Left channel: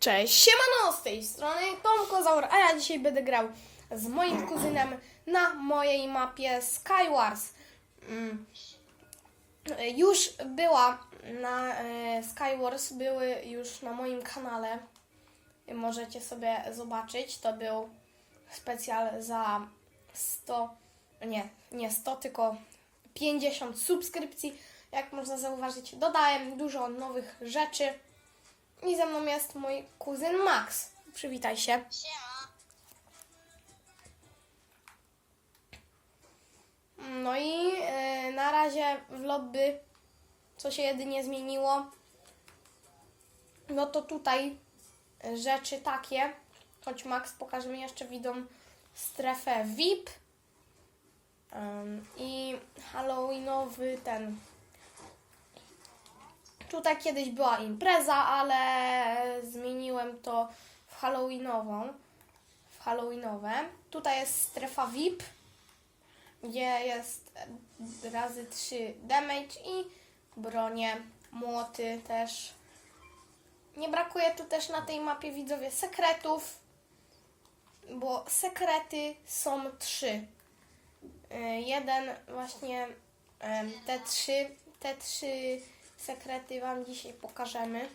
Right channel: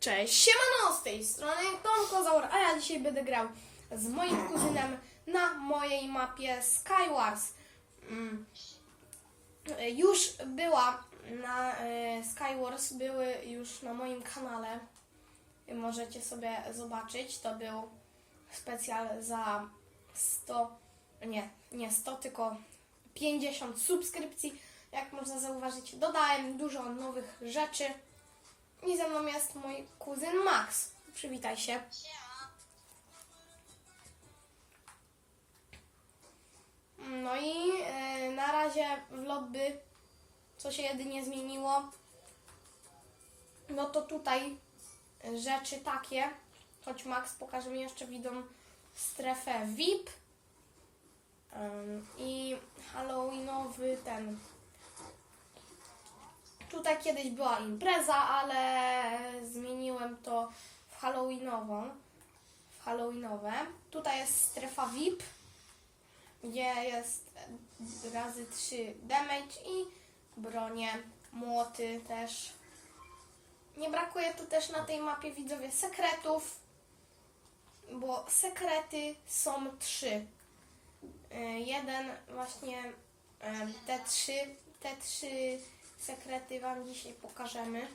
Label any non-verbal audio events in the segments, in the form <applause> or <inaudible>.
Cześć, siemano, z tej strony Tom Kozaur, a ja dzisiaj będę grał z moim kuzynem na mojej mapie Skywars. Mm, Już była na e, Skywars, były już na moim kanale. Możecie sobie zobaczyć, to był specjal za 100, nie, nie 100, tylko 50 subskrypcji. Jak można zauważyć, dodałem dużo nowych rzeczy. I ze mną jest mój kuzyn Max. Przywitaj się. No i e, na razie w lobby, co się jedynie zmieniło, no to tutaj rzeczy takie, choć Max pokaże mi jeszcze widzą strefę VIP Ym, i Halloweenowy ten. Tutaj kiedyś była impreza, ale zmieniłem to w Halloweenową. W Halloweenowe. Tutaj jest strefa VIP, gdzie jest razy 3 damage i bronie, młoty też. Nie brakuje tu też na tej mapie widzowie sekretów, bo sekrety są trzy. Y, Jeden właśnie te trzy, te trzy sekrety Wam dzisiaj pokażemy.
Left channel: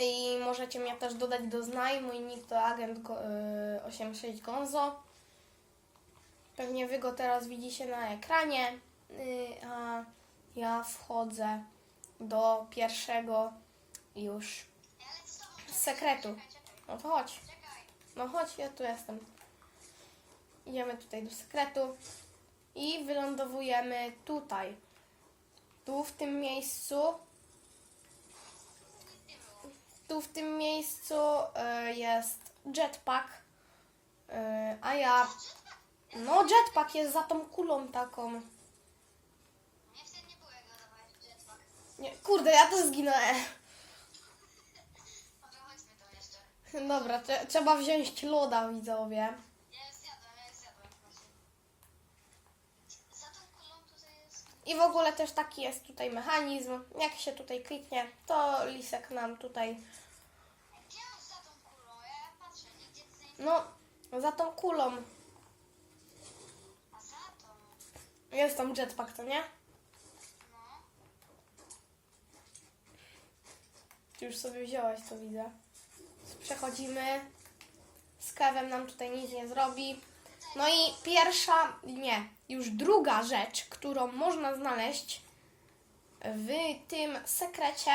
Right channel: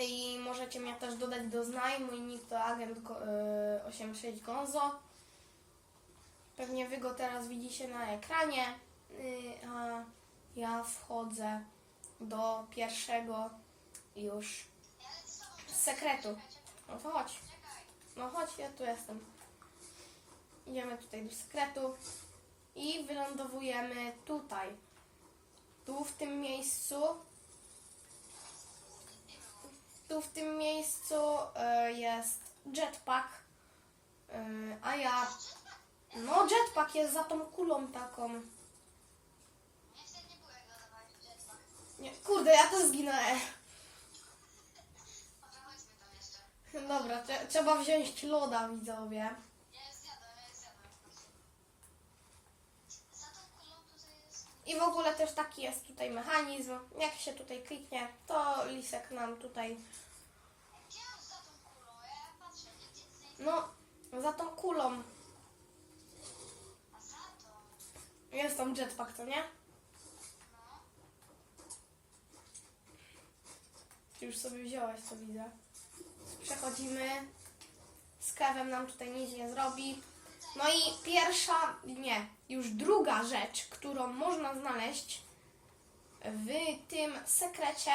I możecie mnie też dodać do znaj. Mój nick to agent go, y, 86 Gonzo. Pewnie Wy go teraz widzicie na ekranie. Y, a ja wchodzę do pierwszego już sekretu. No to chodź. No chodź, ja tu jestem. Idziemy tutaj do sekretu i wylądowujemy tutaj. Tu w tym miejscu. Tu w tym miejscu e, jest jetpack. E, a ja. No, jetpack jest za tą kulą taką. Nie kurde, ja też zginąłem. Dobra, trze- trzeba wziąć loda, widzowie. I w ogóle też taki jest tutaj mechanizm. Jak się tutaj kliknie, to lisek nam tutaj. No, za tą kulą. Jest tam jetpack, to nie? Już sobie wziąłeś, co widzę. Przechodzimy. Z kawem nam tutaj nic nie zrobi. No i pierwsza, nie, już druga rzecz, którą można znaleźć w tym sekrecie,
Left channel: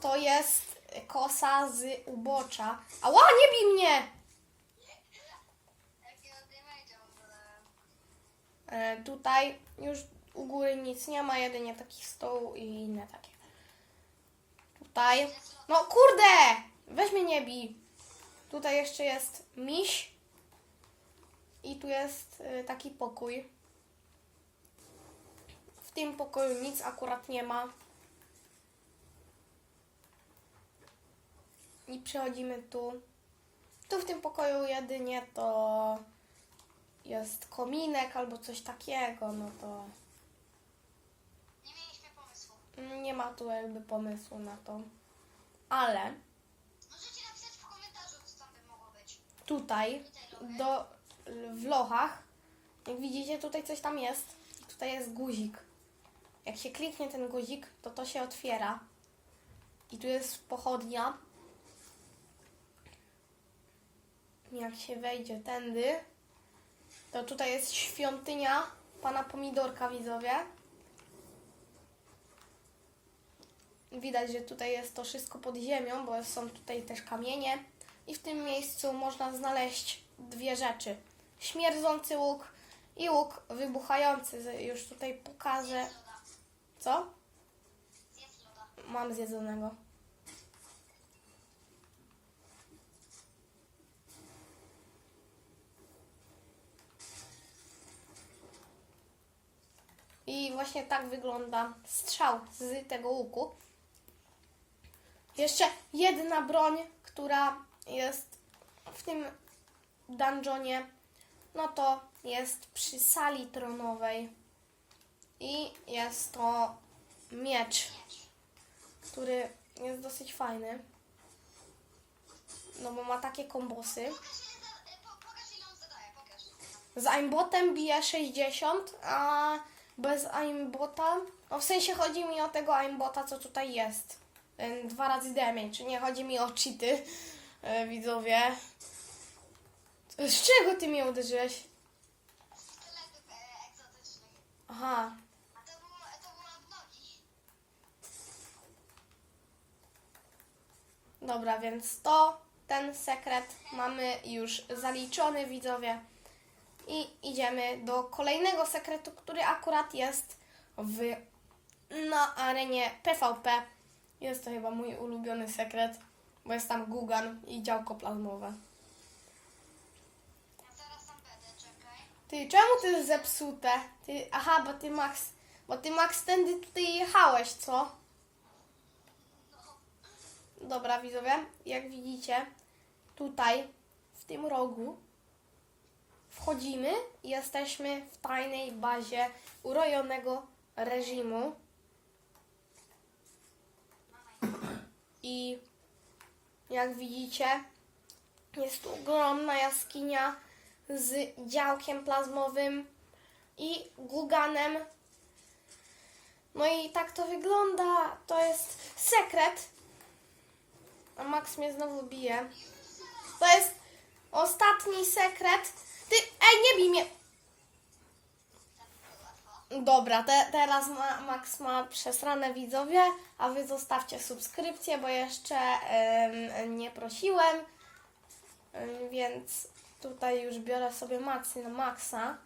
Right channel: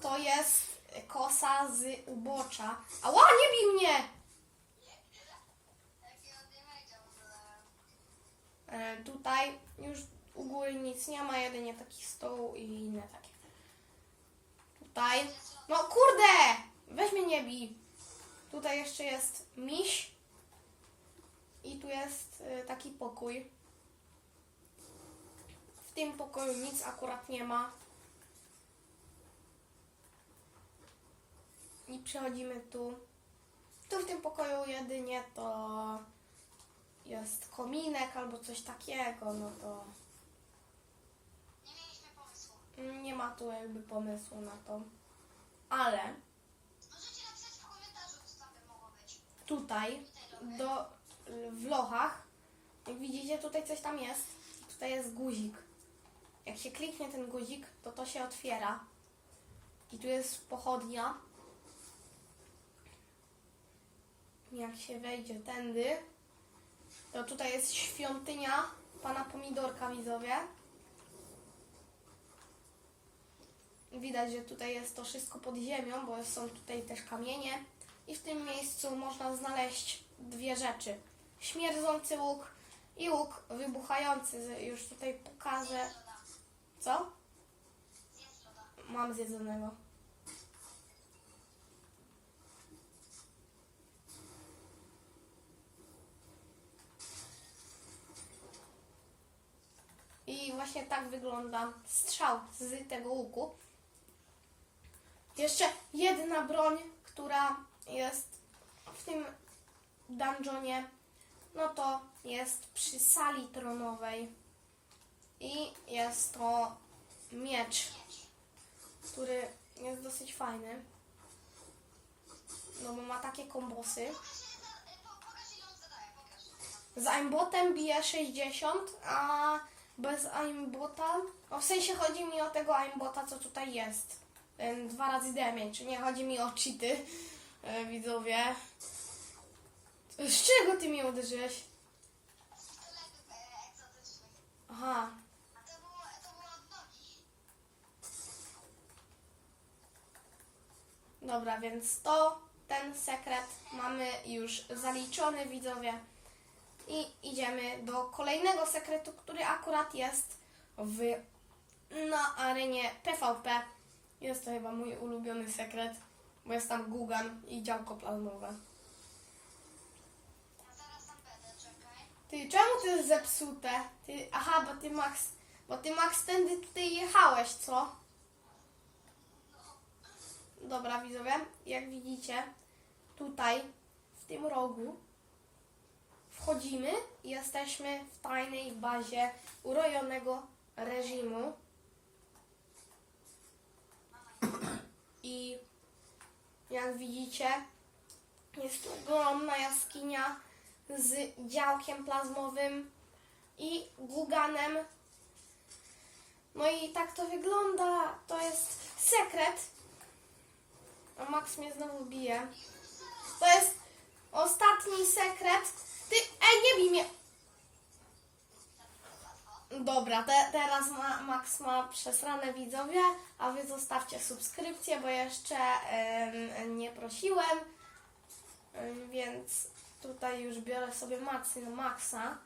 to jest kosa z ubocza. Ała, nie bij mnie! E, tutaj już u góry nic nie ma, jedynie taki stół i inne takie. Tutaj. No kurde! Weź mnie nie bij. Tutaj jeszcze jest miś. I tu jest e, taki pokój. W tym pokoju nic akurat nie ma. I przechodzimy tu. Tu w tym pokoju jedynie to jest kominek albo coś takiego, no to Nie mieliśmy pomysłu. nie ma tu jakby pomysłu na to. Ale Możecie napisać w komentarzu, co tam by mogło być. tutaj do, w lochach, jak widzicie, tutaj coś tam jest. Tutaj jest guzik. Jak się kliknie ten guzik, to to się otwiera. I tu jest pochodnia. Jak się wejdzie tędy, to tutaj jest świątynia pana Pomidorka, widzowie. Widać, że tutaj jest to wszystko pod ziemią, bo są tutaj też kamienie. I w tym miejscu można znaleźć dwie rzeczy. Śmierdzący łuk i łuk wybuchający. Już tutaj pokażę. Co? Mam zjedzonego. I właśnie tak wygląda strzał z tego łuku. Jeszcze jedna broń, która jest w tym dungeonie, no to jest przy sali tronowej. I jest to miecz który jest dosyć fajny. no bo ma takie kombosy. E. Z aimbotem bije 60, a bez aimbota, no w sensie chodzi mi o tego aimbota, co tutaj jest. Dwa razy damage, nie chodzi mi o cheaty, yy, widzowie. Z czego ty mnie uderzyłeś? Z e, egzotycznego. Aha, dobra, więc to, ten sekret mamy już zaliczony, widzowie. I idziemy do kolejnego sekretu, który akurat jest w, na arenie PvP. Jest to chyba mój ulubiony sekret, bo jest tam Gugan i działko plazmowe. Ty, czemu to jest zepsute? Ty, aha, bo ty Max, bo ty Max tędy tutaj jechałeś, co? Dobra, widzowie, jak widzicie, tutaj, w tym rogu, wchodzimy i jesteśmy w tajnej bazie urojonego reżimu. I jak widzicie, jest tu ogromna jaskinia z działkiem plazmowym i guganem. No i tak to wygląda. To jest sekret. A Max mnie znowu bije. To jest ostatni sekret. Ty, ej, nie bij mnie. Dobra, te, teraz ma, Max ma przesrane widzowie, a wy zostawcie subskrypcję, bo jeszcze em, nie prosiłem. Ym, Więc tutaj już biorę sobie macy na maksa.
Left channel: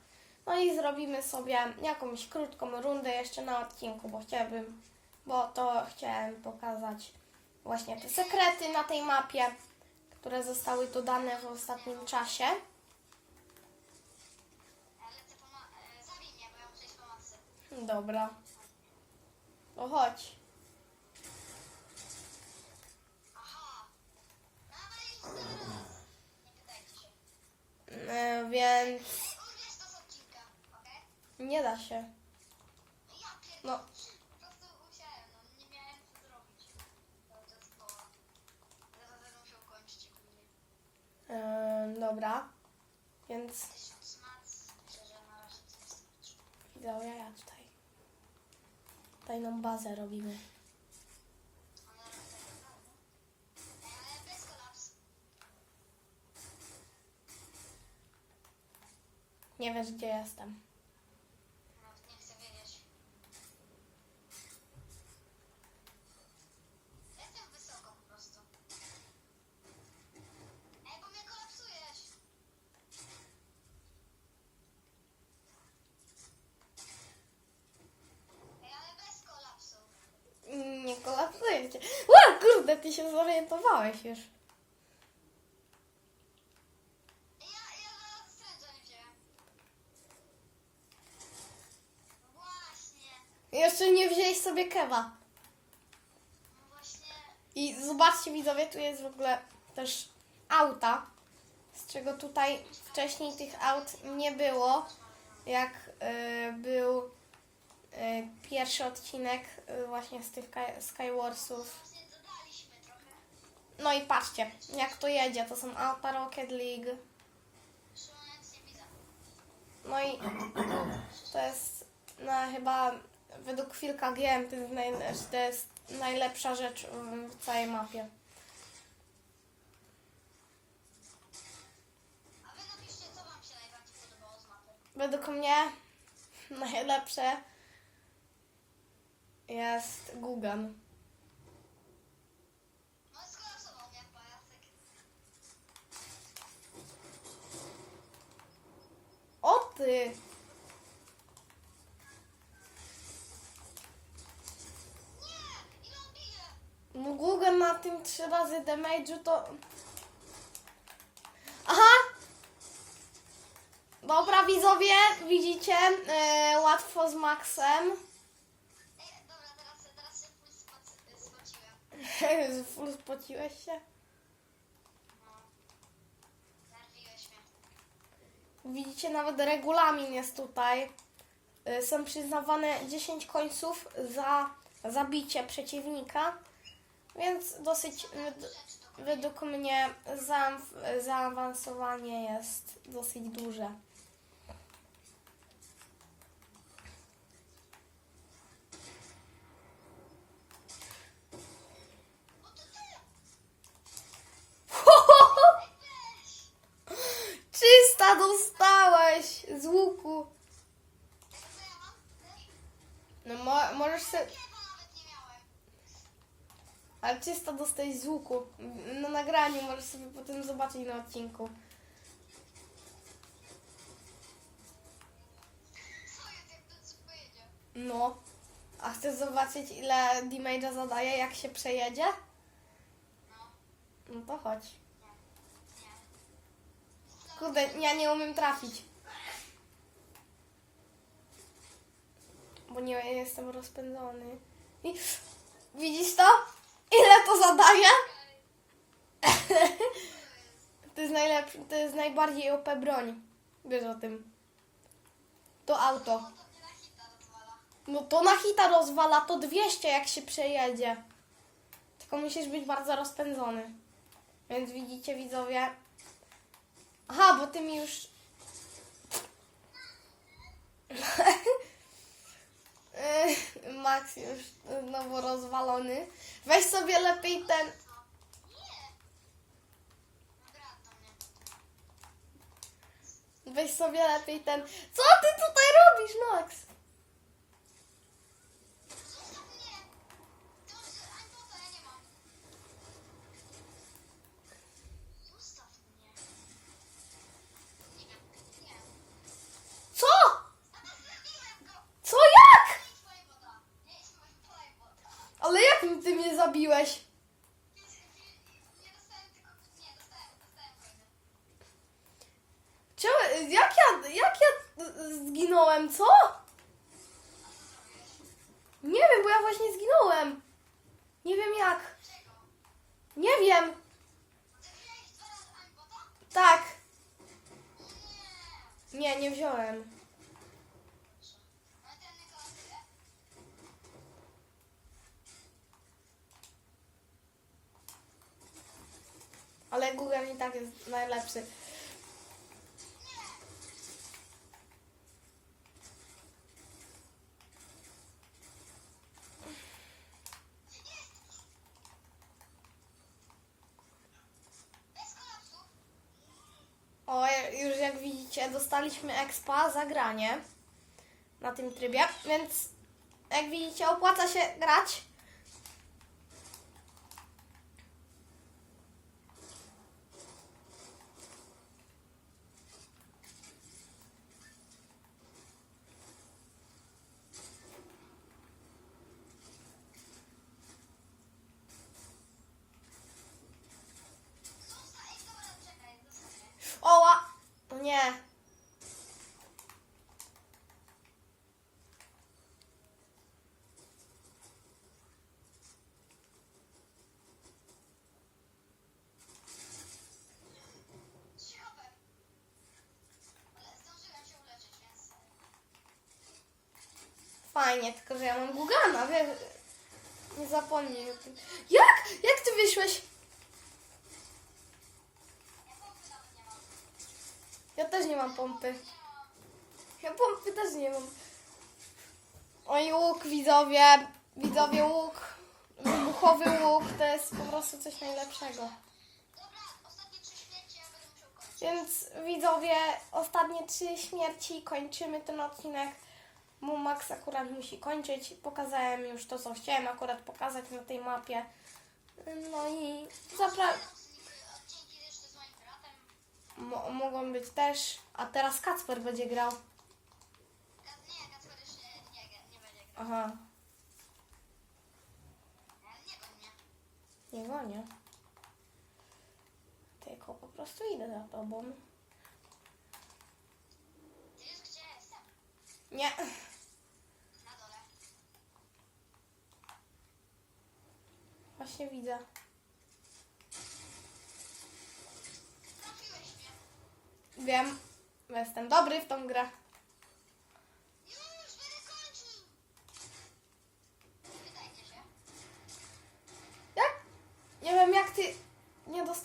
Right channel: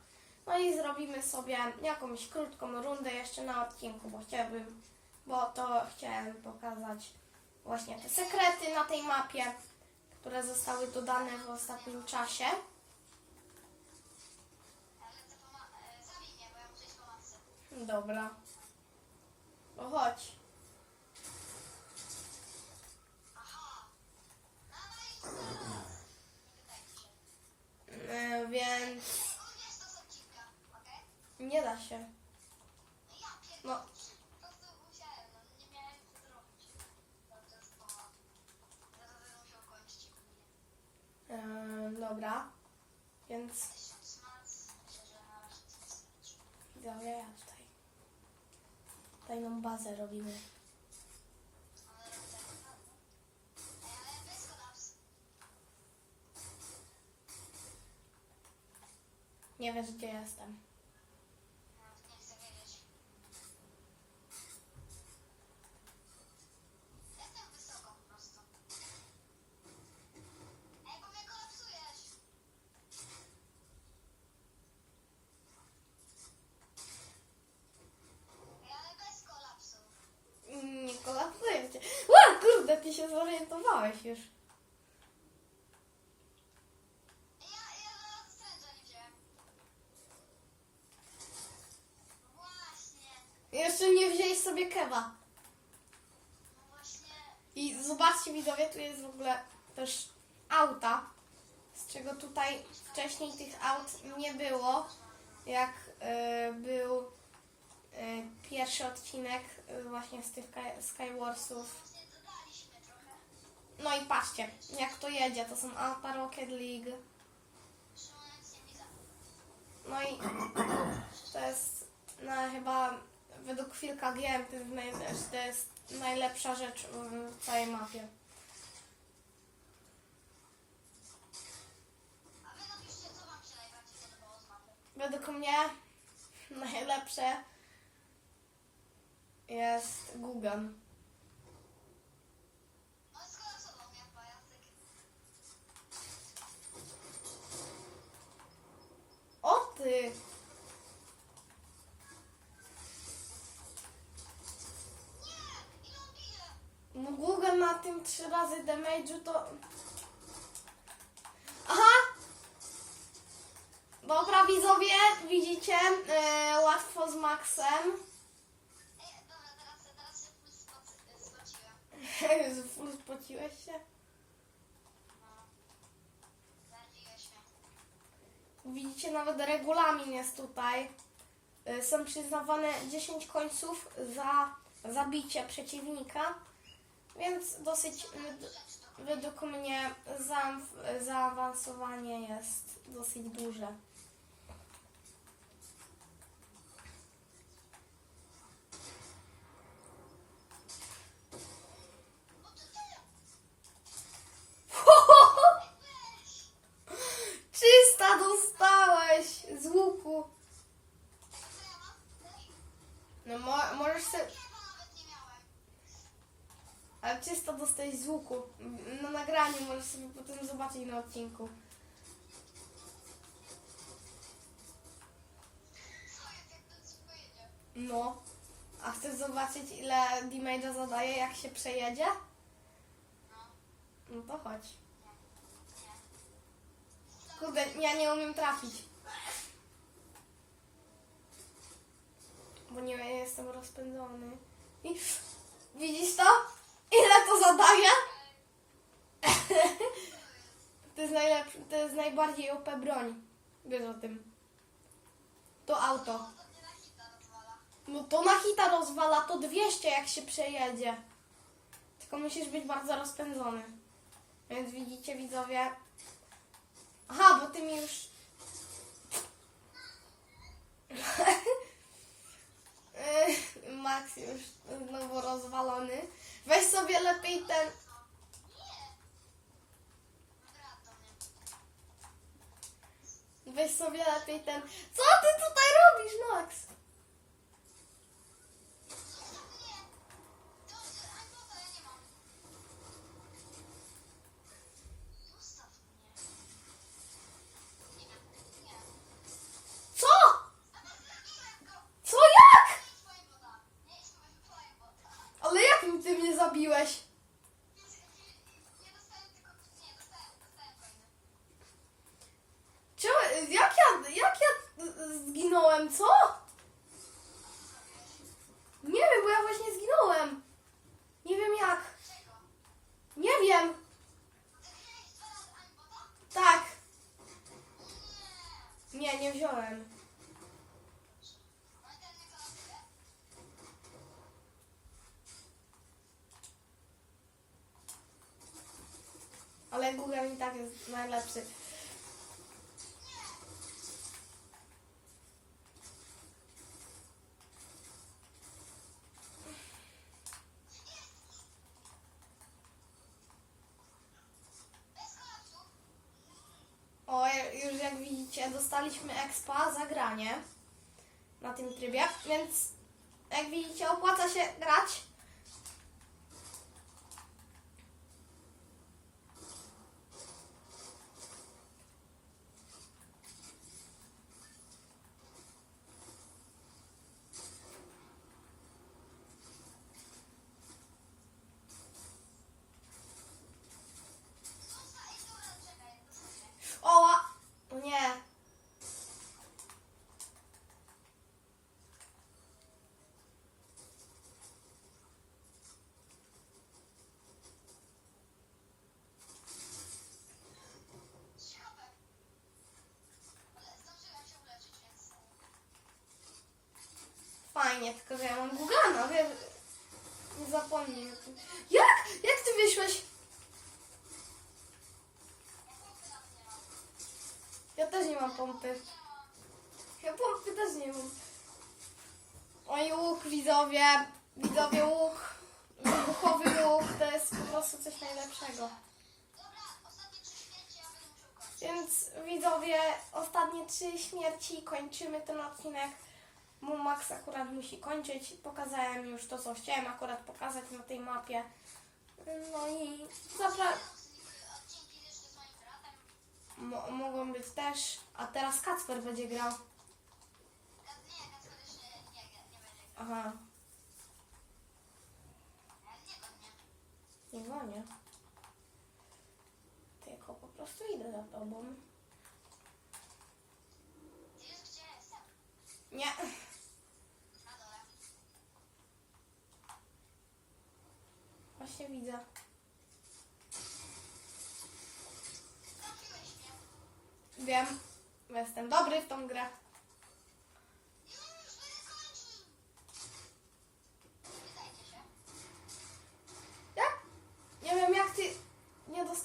No i zrobimy sobie jakąś krótką rundę jeszcze na odcinku, bo chciałabym, bo to chciałem pokazać właśnie te sekrety na tej mapie, które zostały dodane w ostatnim czasie. Dobra. No chodź. Aha. Dawaj, zaraz. Nie wydaje ci się. Yy, więc nie da się. Ja. No, Po prostu musiałem, no nie miałem co zrobić. No to jest poła. Zaraz będę musiał kończyć u mnie. yy, dobra. Więc Tysiąc mac. Myślę, że na razie to jest widzowie, ja tutaj tajną bazę robimy. Ale ale bez kolaps. Nie wiesz gdzie jestem. Nawet nie chcę wiedzieć. Jestem wysoko po prostu. Ej, bo mnie kolapsujesz. Ej, ale bez kolapsu. Nie kolapsuję cię. Ła, kurde, ty się zorientowałeś już. Ja, ja zaraz stręża nie wziąłem. Właśnie. Jeszcze nie wzięłeś sobie kewa. I zobaczcie widzowie, tu jest w ogóle też auta, z czego tutaj wcześniej tych aut nie było, jak y, był y, pierwszy odcinek y, właśnie z tych Sky- Skywarsów. No i patrzcie, jak to jedzie, to są auta Rocket League. No i to jest no, chyba według Filka GM to jest, naj, to jest najlepsza rzecz w całej mapie. Według mnie <laughs> najlepsze jest Gugan. O ty! No Gugan na tym trzy razy damage'u to... Aha! Dobra widzowie, widzicie, e, łatwo z Maxem. <laughs> Full spociłeś się? Widzicie, nawet regulamin jest tutaj. Y, Są przyznawane 10 końców za zabicie przeciwnika, więc dosyć, to według mnie zaawansowanie jest dosyć duże. Czysta dostałeś z łuku. No mo- możesz sobie... Chyba nawet nie miałem. Ale czysto dostałeś z łuku. Na nagraniu możesz sobie potem zobaczyć na odcinku. No. A chcesz zobaczyć ile damage'a zadaje jak się przejedzie? No, to chodź. Kurde, ja nie umiem trafić. Bo nie jestem rozpędzony. I widzisz to? Ile to zadaje? To jest najlepszy, to jest najbardziej OP broń. Wiesz o tym. To auto. No to na hita rozwala, to 200 jak się przejedzie. Tylko musisz być bardzo rozpędzony. Więc widzicie widzowie. Aha, bo ty mi już... <laughs> Max już znowu rozwalony. Weź sobie lepiej ten... Weź sobie lepiej ten... Co ty tutaj robisz, Max? Zostaw mnie! To, że Anglota ja nie mam. Zostaw mnie. Nie, nie. Co? A to zabiłem go! Co jak? Nie jest moja woda. Nie jest moja woda. Ale jak ty mnie zabiłeś? Nie dostałem tylko... Nie, dostałem, dostałem fajny. Czemu, jak ja, jak ja zginąłem, co? Nie wiem, bo ja właśnie zginąłem. Nie wiem jak. Czego? Nie wiem. Zabiłeś dwa razy Anglota? Tak. Nie. Nie, nie wziąłem. Ale ten nie klasy. Ale Google i tak jest najlepszy. O, już jak widzicie, dostaliśmy expa za granie na tym trybie, więc jak widzicie, opłaca się grać. Zostań, dobra, czekaj, dostaję. Oła! O nie. Ciekawe. Ale zdążyłem się uleczyć, więc... Fajnie, tylko że ja mam Gugana, wiesz? Nie zapomnij o tym. Jak? Jak ty wyszłeś? Ja też nie mam pompy. Ja pompy też nie mam. Oj, łuk, widzowie. Widzowie, łuk. Wybuchowy łuk to jest po prostu coś najlepszego. Więc widzowie, ostatnie trzy śmierci, kończymy ten odcinek. Bo Max akurat musi kończyć. Pokazałem już to, co chciałem akurat pokazać na tej mapie. No i zapra- Odcinki jeszcze z moim bratem. mo- mogą być też. A teraz Kacper będzie grał. Aha, Nie gonię. Tylko po prostu idę za tobą. Nie. Na dole. Właśnie widzę. Wiem. Jestem dobry w tą grę. Już, będę kończył. Wydajcie się. Jak? Nie wiem jak ty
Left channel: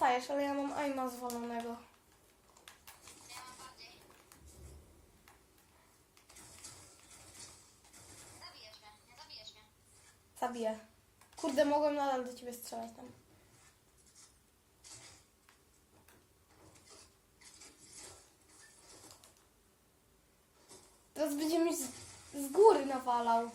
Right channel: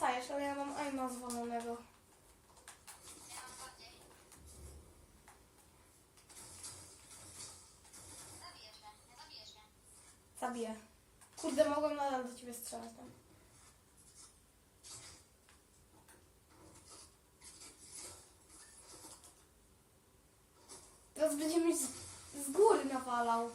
dajesz, ale ja mam aima zwolonego. Ja mam bardziej. Zabijesz mnie, nie zabijesz mnie. Zabiję. Kurde, mogłem strzelać tam. Teraz będzie mi z, z góry nawalał.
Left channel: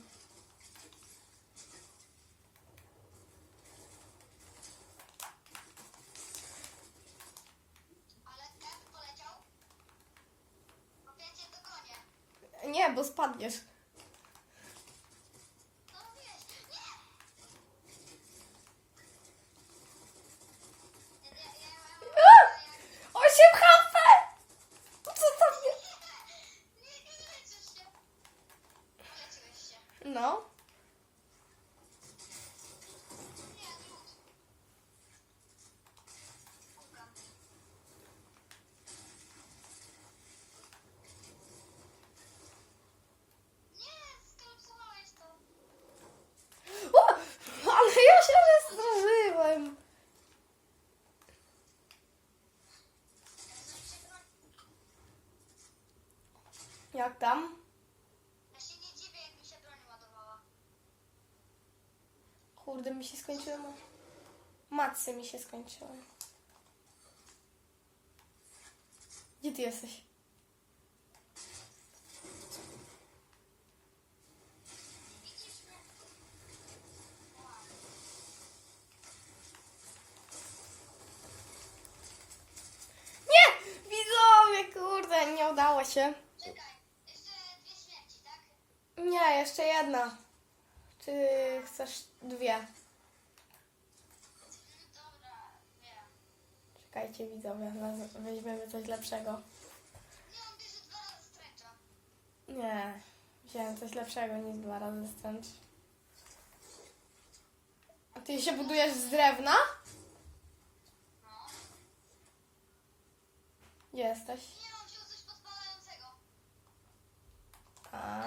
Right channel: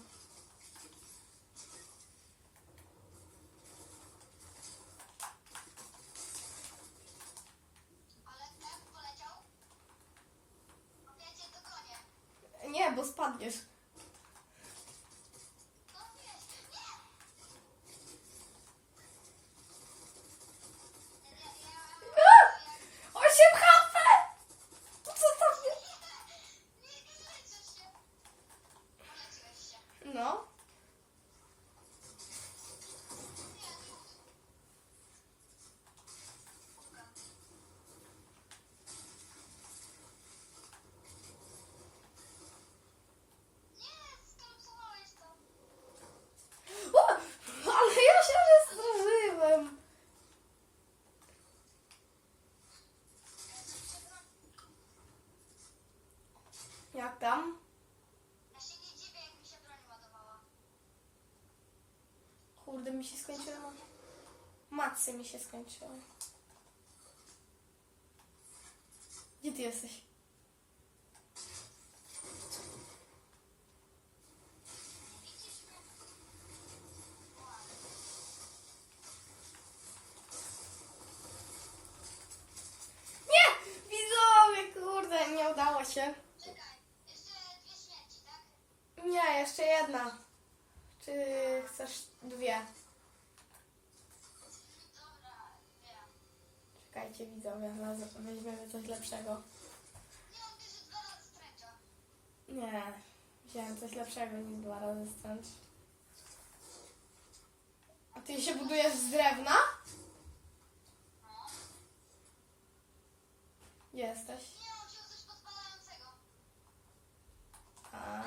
Nie, bo spadniesz. Kurde, mi się skończyły. Macy mi się. Gdzie ty jesteś? Nie! Widzowie, kurde, nie udało się. Czekaj, jeszcze dwie śmierci, tak? Nie, jeszcze jedna. Czy chcesz dwie? Czekajcie, widzowie, weźmiemy coś lepszego. Nie, wziąłem coś lepszego niż dwa razy stręcz. A ty się budujesz z drewna? Jesteś? Nie, on wziął coś podpalającego. A,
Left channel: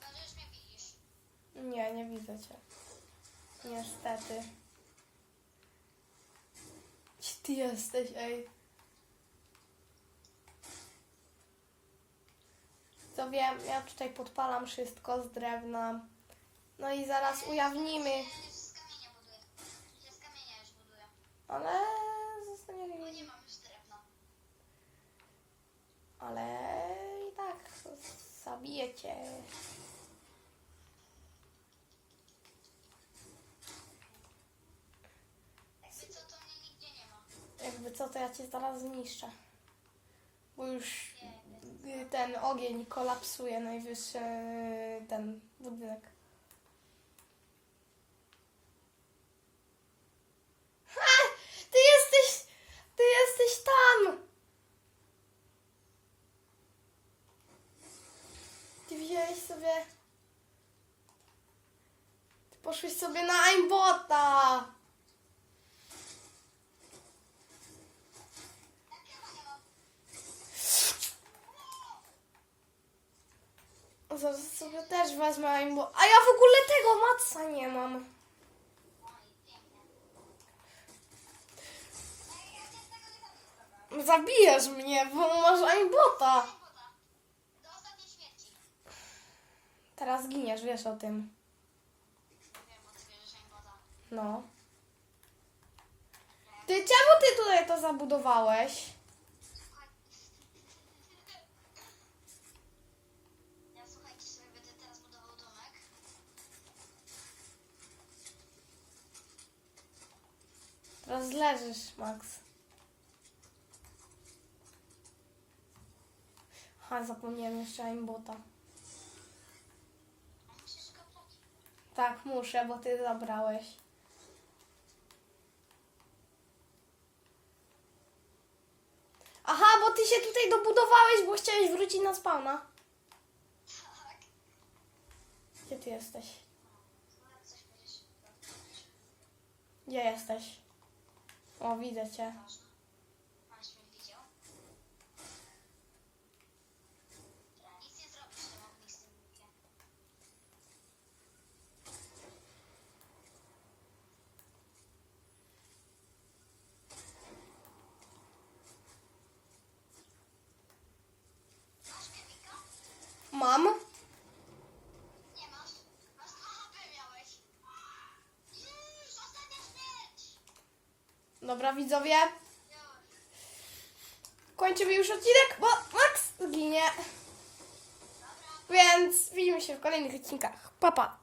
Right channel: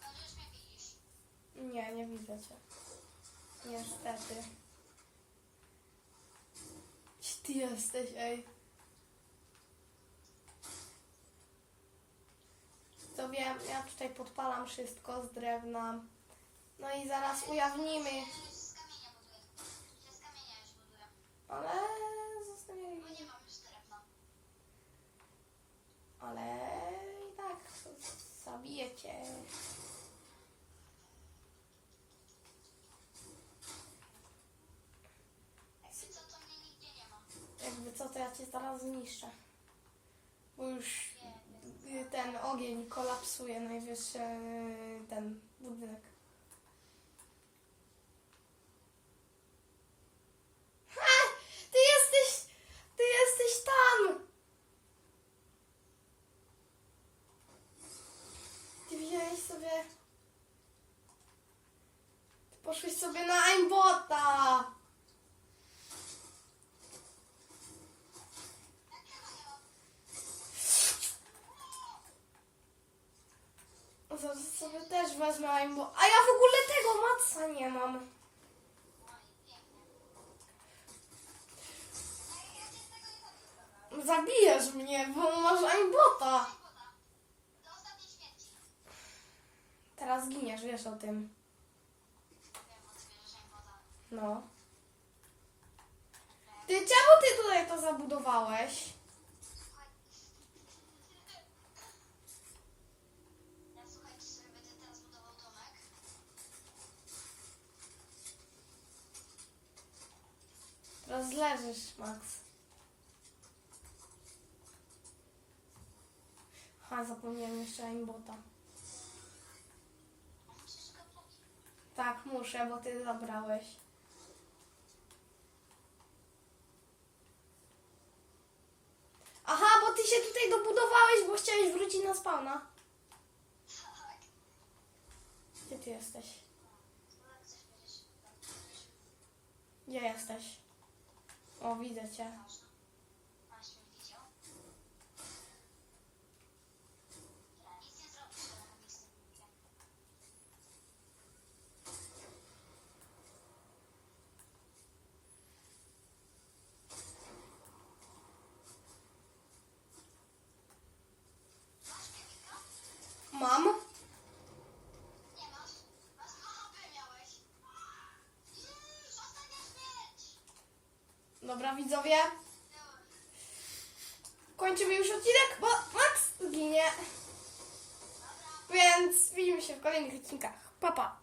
Pan już mnie widzisz. nie, nie widzę cię. Niestety. Gdzie ty jesteś, ej? To wiem, ja tutaj podpalam wszystko z drewna. No i zaraz ujawnimy. Ja już z kamienia buduję. Ja z kamienia już buduję. Ale zostanie. Bo nie mam już drewna. Ale i tak zabijecie. Jakby co, to mnie nigdzie nie ma. Cię zaraz zniszczę. Bo już ten ogień kolapsuje najwyższy y, ten budynek. Ha! Ty jesteś! Ty jesteś tam! Ty wziąłeś sobie... Ty poszłeś sobie na aimbota! Zaraz sobie też wezmę aimbot. A ja w ogóle tego matca nie mam. Zabijesz mnie, bo masz aimbota. Teraz giniesz, wiesz o tym. No. Ty czemu ty tutaj to zabudowałeś? Słuchaj. Ja słuchajcie sobie, będę teraz budował domek. Teraz leżysz, Max. Ha, zapomniałem jeszcze aimbota. Tak, muszę, bo ty zabrałeś. Aha, bo ty się tutaj dobudowałeś, bo chciałeś wrócić na spawna. Gdzie ty jesteś? Gdzie jesteś? O, widzę cię. Ważne. Masz mnie widział? Ja nic nie zrobisz, że on nic nie mówi. Dobra, widzowie. Kończymy już odcinek, bo Max ginie. Więc widzimy się w kolejnych odcinkach. Pa, pa.